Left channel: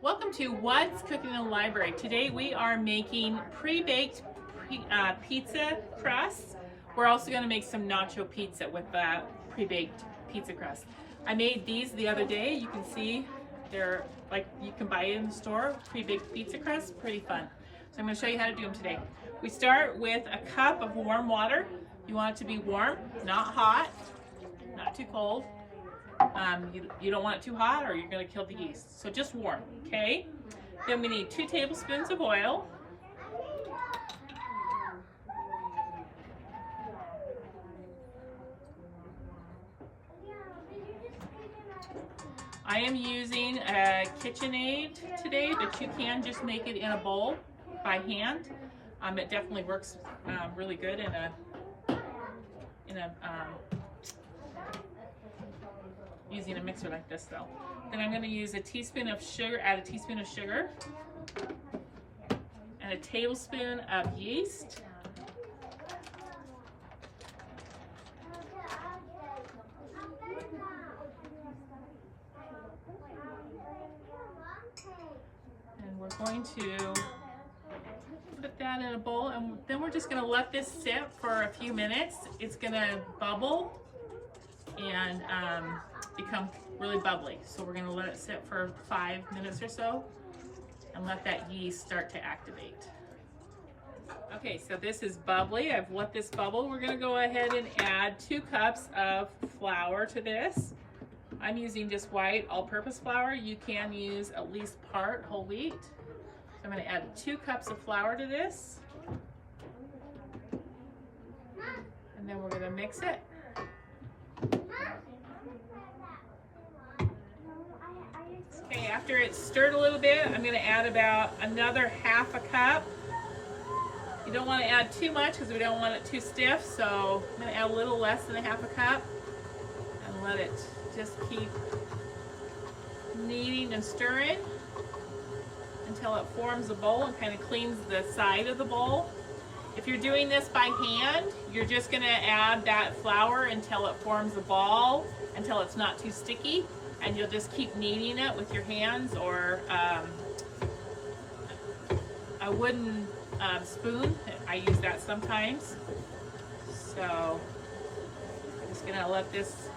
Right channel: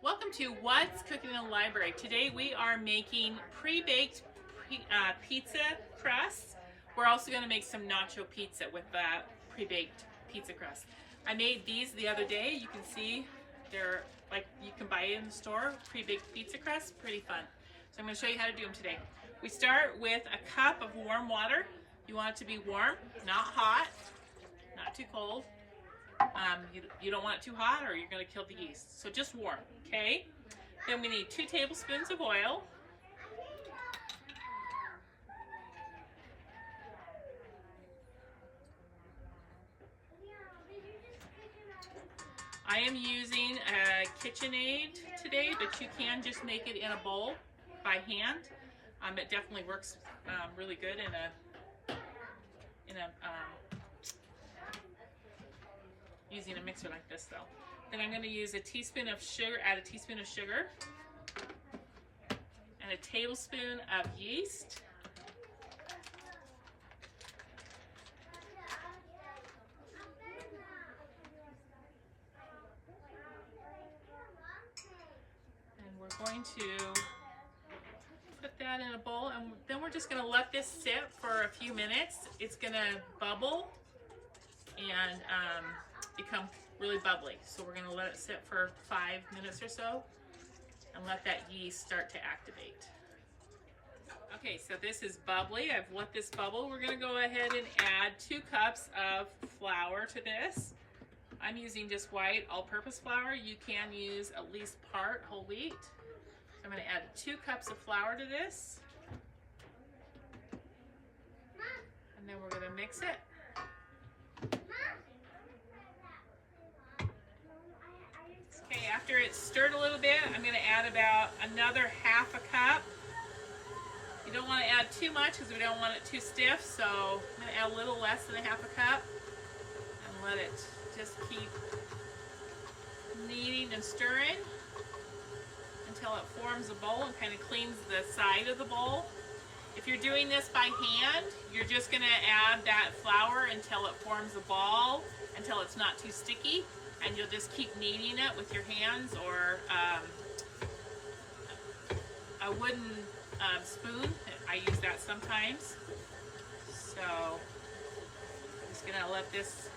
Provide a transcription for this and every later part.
Welcome to What's Cooking in the Library. Today we are making pre-baked pizza crusts. We're also going to make some nacho pizza with pre-baked pizza crust. I made these the other day. You can see they're like you can buy it in the store, pre-baked pizza crust, pretty fun. So I'm going to show you how to do them today. We start with a cup of warm water. You want it to be warm, not hot, not too cold. You don't want it too hot or you're going to kill the yeast. So just warm, okay? Then we need 2 tablespoons of oil. I am using a KitchenAid today, but you can just make it in a bowl by hand. It definitely works really good in a using a mixer like this though. Then I'm going to use a teaspoon of sugar, add a teaspoon of sugar and a tablespoon of yeast. And we're going to put that in a bowl, and then we're just going to let this sit for a few minutes. It's going to bubble and become really bubbly. So we're going to let it sit for 5 minutes or so and let that yeast start to activate. Okay, so this is bubbly. I've let this bubble. We're going to go ahead and add 2 cups of flour to this. I'm using just white all-purpose flour. You can use at least part whole wheat. So I'm going to add 2 cups of flour to this. And then we're going to mix it. Okay, after it's stirred a little bit, I'm going to add about another half a cup. You don't want to add too much because we don't want it too stiff, so I'm going to add a little less than a half a cup and let it just keep kneading and stirring until it forms a bowl and kind of cleans the side of the bowl. If you're doing this by hand, you're just going to add that flour until it forms a ball, until it's not too sticky. And you'll just keep kneading it with your hands or a wooden spoon. I use that sometimes. So I'm just gonna let this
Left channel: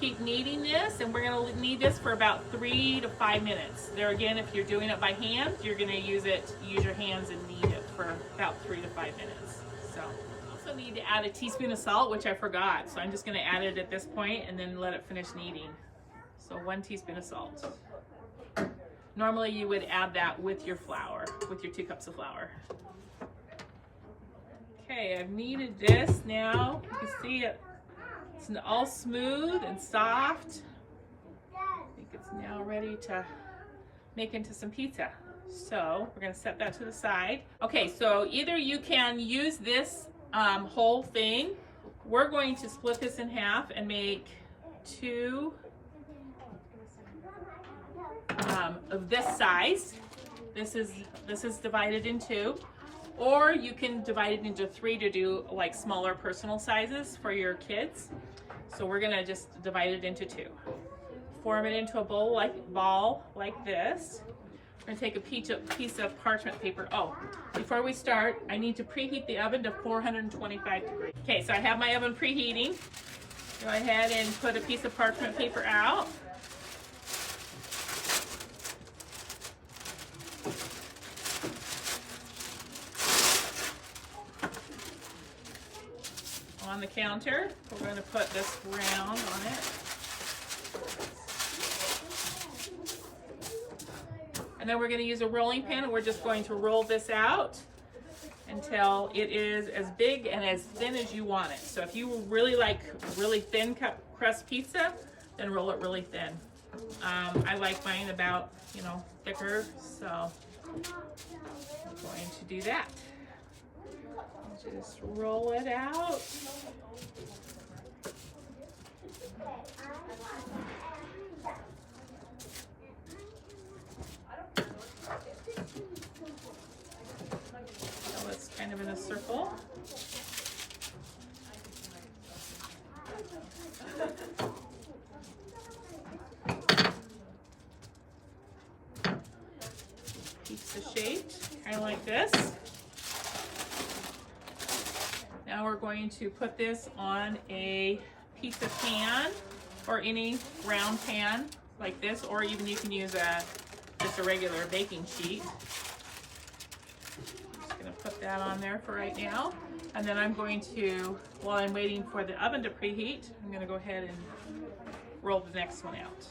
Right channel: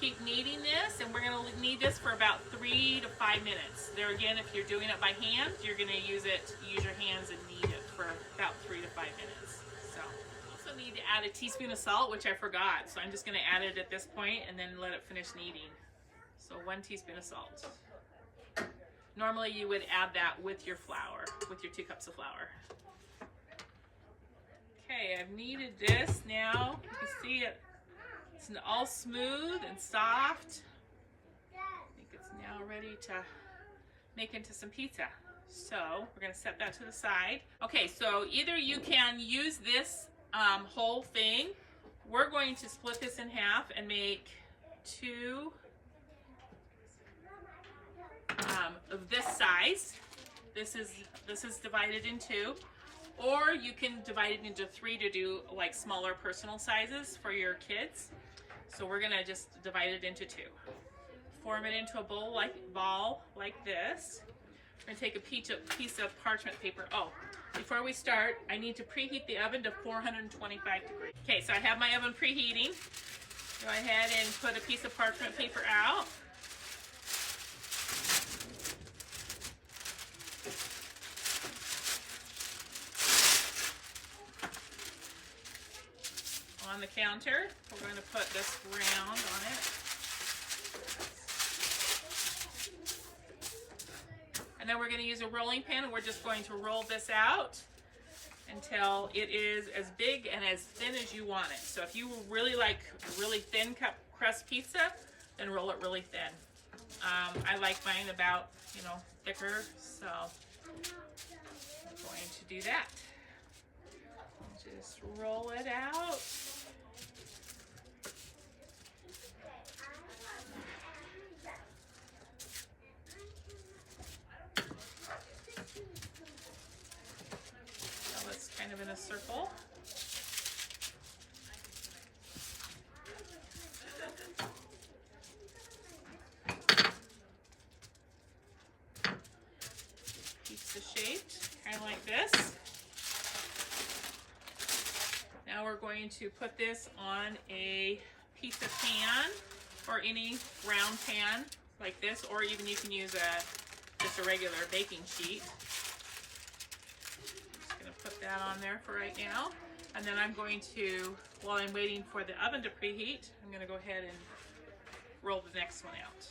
keep kneading this, and we're gonna knead this for about 3 to 5 minutes. There again, if you're doing it by hand, you're gonna use your hands and knead it for about 3 to 5 minutes. So also need to add a teaspoon of salt, which I forgot. So I'm just gonna add it at this point and then let it finish kneading. So 1 teaspoon of salt. Normally you would add that with your flour, with your 2 cups of flour. Okay, I've kneaded this now. You can see it's all smooth and soft. I think it's now ready to make into some pizza. So we're gonna set that to the side. Okay, so either you can use this whole thing. We're going to split this in half and make 2 of this size. This is divided in 2, or you can divide it into 3 to do like smaller personal sizes for your kids. So we're gonna just divide it into 2. Form it into a ball like this. We're gonna take a piece of parchment paper. Oh, before we start, I need to preheat the oven to 425 degrees. Okay, so I have my oven preheating. Go ahead and put a piece of parchment paper out. On the counter, we're going to put this round on it. And then we're going to use a rolling pin, and we're just going to roll this out until it is as big and as thin as you want it. So if you really like really thin crust pizza, then roll it really thin. I like mine about, thicker, so we're going to do that. Just roll it out. So it's kind of in a circle. we're going to put this on a pizza pan or any round pan like this, or even you can use just a regular baking sheet. I'm just gonna put that on there for right now. And then I'm going to, while I'm waiting for the oven to preheat, I'm gonna go ahead and roll the next one out.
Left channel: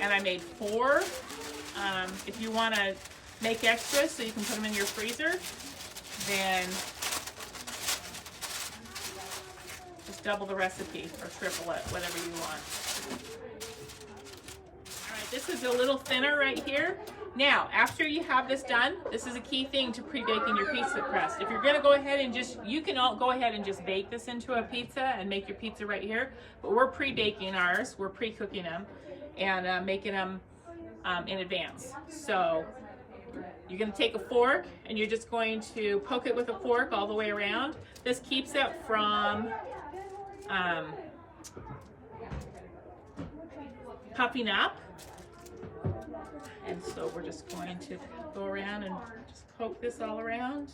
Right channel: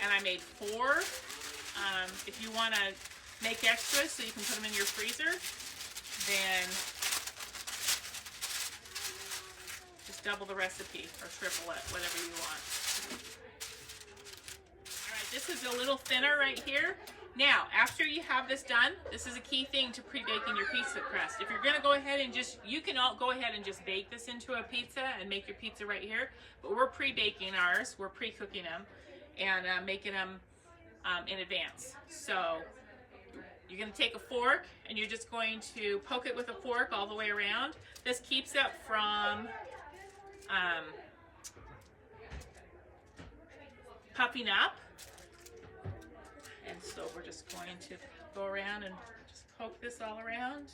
And I made 4. If you want to make extras so you can put them in your freezer, then just double the recipe or triple it, whatever you want. All right, this is a little thinner right here. Now, after you have this done, this is a key thing to pre-baking your pizza crust. If you're gonna go ahead and you can all go ahead and just bake this into a pizza and make your pizza right here, but we're pre-baking ours, we're pre-cooking them and making them in advance. So you're gonna take a fork and you're just going to poke it with a fork all the way around. This keeps it from puffing up. And so we're just going to go around and just poke this all around.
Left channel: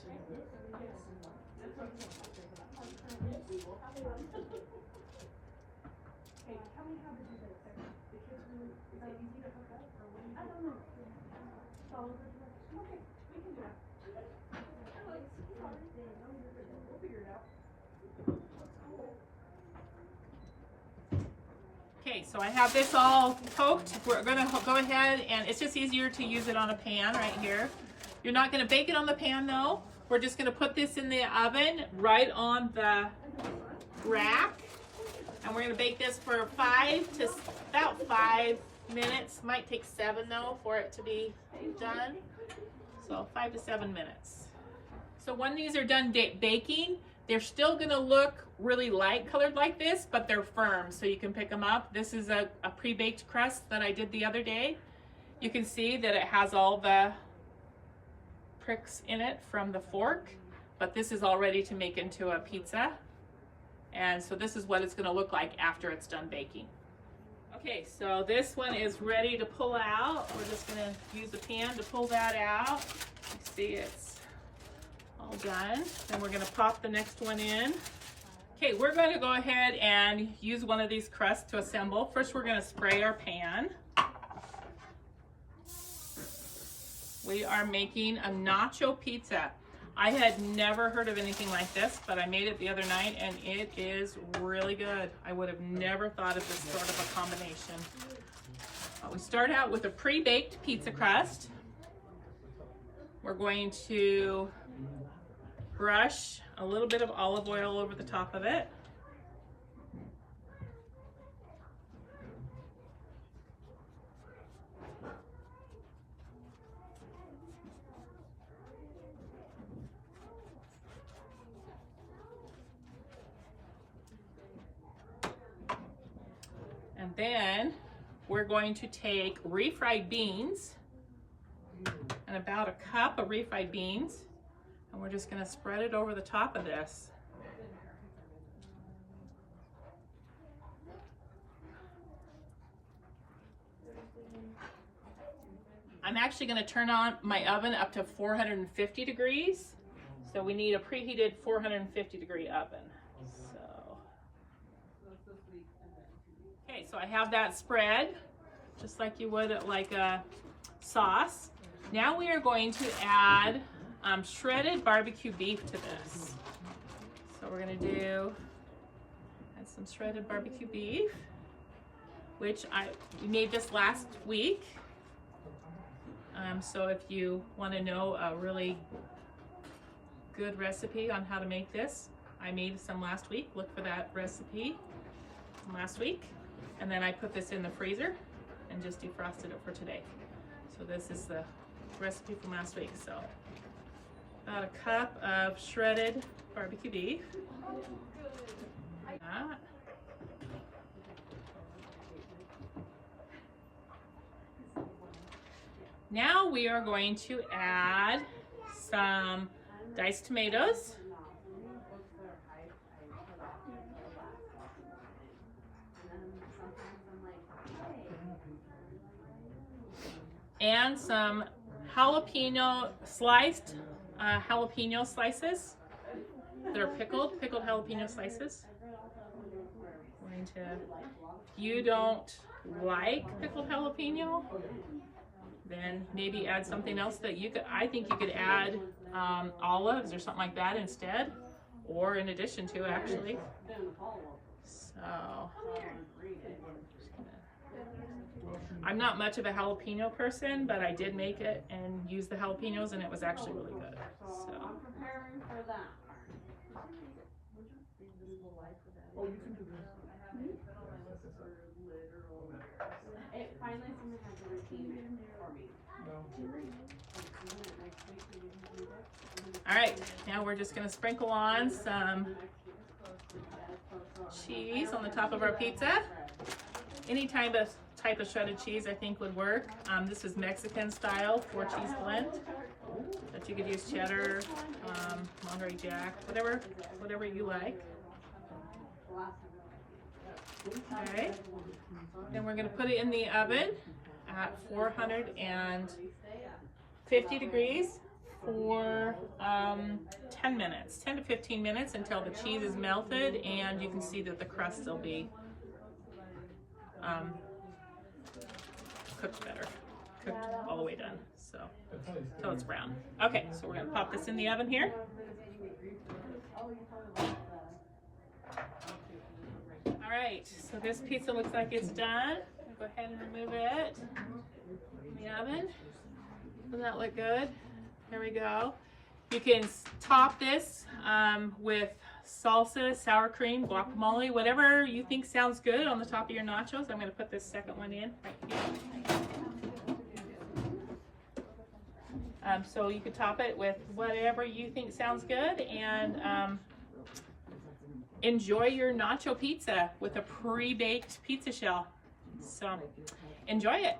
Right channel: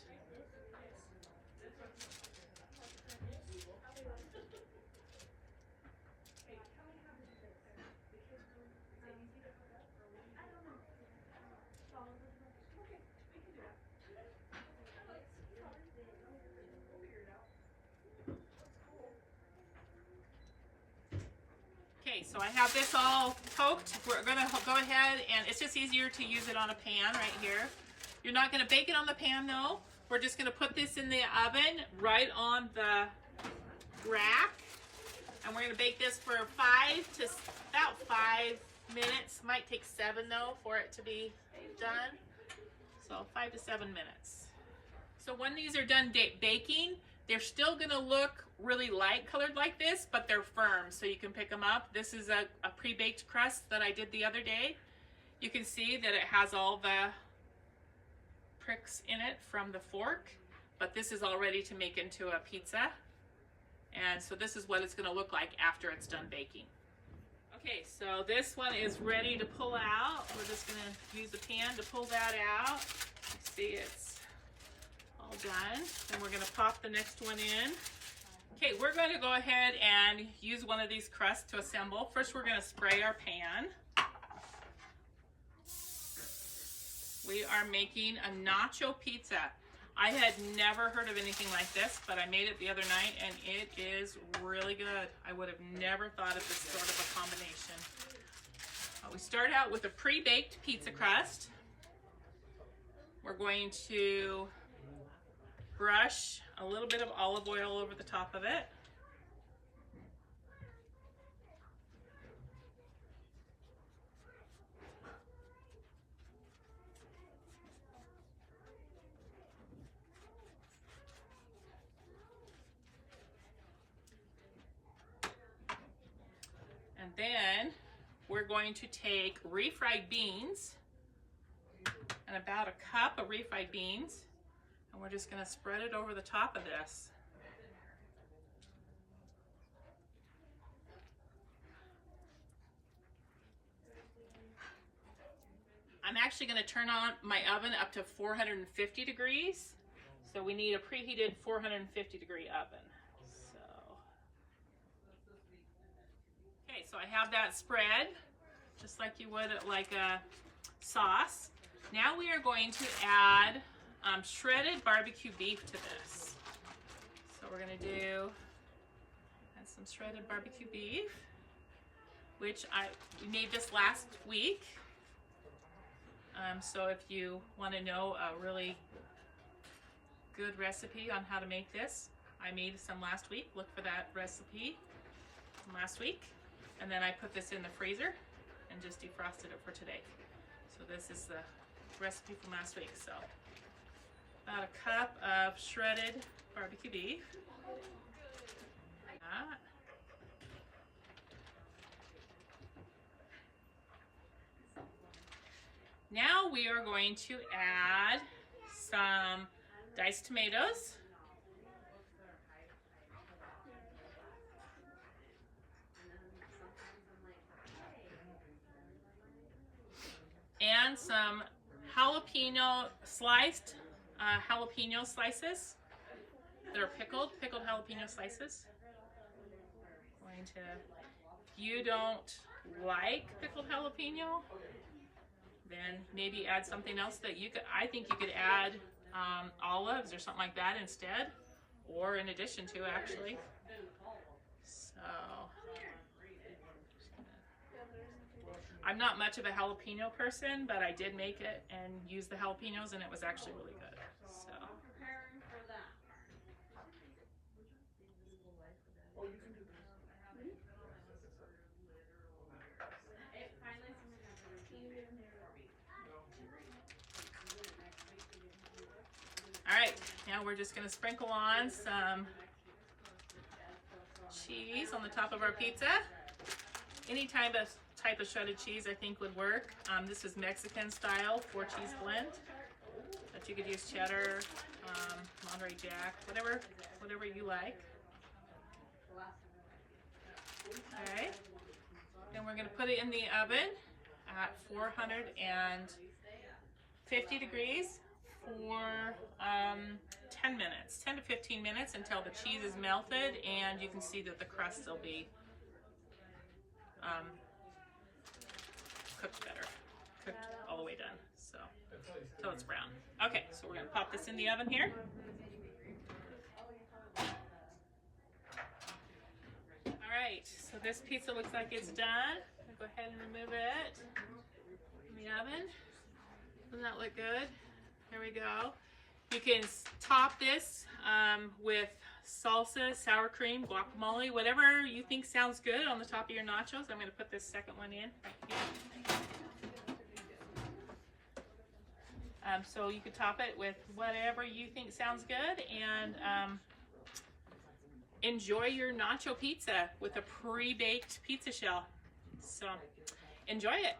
Okay, so I have this all poked. We're gonna go ahead and it's just easier to use it on a pan right here. You're not gonna bake it on the pan though. We're just gonna put this in the oven right on the rack. And we're gonna bake this for about 5 minutes. Might take 7 though for it to be done. So 5 to 7 minutes. So when these are done baking, they're still gonna look really light colored like this, but they're firm, so you can pick them up. This is a pre-baked crust that I did the other day. You can see that it has all the pricks in it from the fork, but this is all ready to make into a pizza. And so this is what it's gonna look like after it's done baking. Okay, so this one is ready to pull out. We're just gonna use the pan to pull that out. You see it's all done. Then we're gonna pop the next one in. Okay, we're gonna go ahead and use one of these crusts to assemble. First, we're gonna spray our pan. We are making a nacho pizza. I had never heard of anything like this, but I made it the other night and it is really good. I would have never thought of this sort of a combination. We start out with a pre-baked pizza crust. We're going to brush a little bit of olive oil over the top of it. And then we're going to take refried beans and about a cup of refried beans. And we're just gonna spread it over the top of this. I'm actually gonna turn on my oven up to 450 degrees. So we need a preheated 450 degree oven. Okay, so I have that spread, just like you would like a sauce. Now we are going to add shredded barbecue beef to this. So we're gonna add some shredded barbecue beef, which we made this last week. So if you wanna know a really good recipe on how to make this, I made some last week. Look for that recipe from last week. And then I put this in the freezer and just defrosted it for today. So this is the recipe from last week. So about a cup of shredded barbecue beef. Now we are going to add some diced tomatoes. And some sliced jalapeno slices. They're pickled jalapeno slices. Going to, if you don't like pickled jalapeno, then maybe add something else that you could, I think you could add olives or something like that instead, or in addition to, actually. So, I'm not much of a jalapeno person, but I did make it and use the jalapenos, and it was actually really good. So. All right, now we're just gonna sprinkle on some cheese on the top of our pizza. Any type of shredded cheese I think would work. This is Mexican style 4-cheese blend, but you could use cheddar, Monterey Jack, whatever you like. Okay, then we're gonna put it in the oven at 450 degrees for 10 minutes, 10 to 15 minutes, until the cheese is melted and you can see that the crust will be cooked better, cooked all the way done, so until it's brown. Okay, so we're gonna pop this in the oven here. All right, so this pizza looks like it's done. I'll go ahead and remove it from the oven. Does that look good? There we go. You can top this with salsa, sour cream, guacamole, whatever you think sounds good on the top of your nachos. I'm going to put this second one in right here. So you could top it with whatever you think sounds good, and enjoy your nacho pizza with a pre-baked pizza shell. So enjoy it.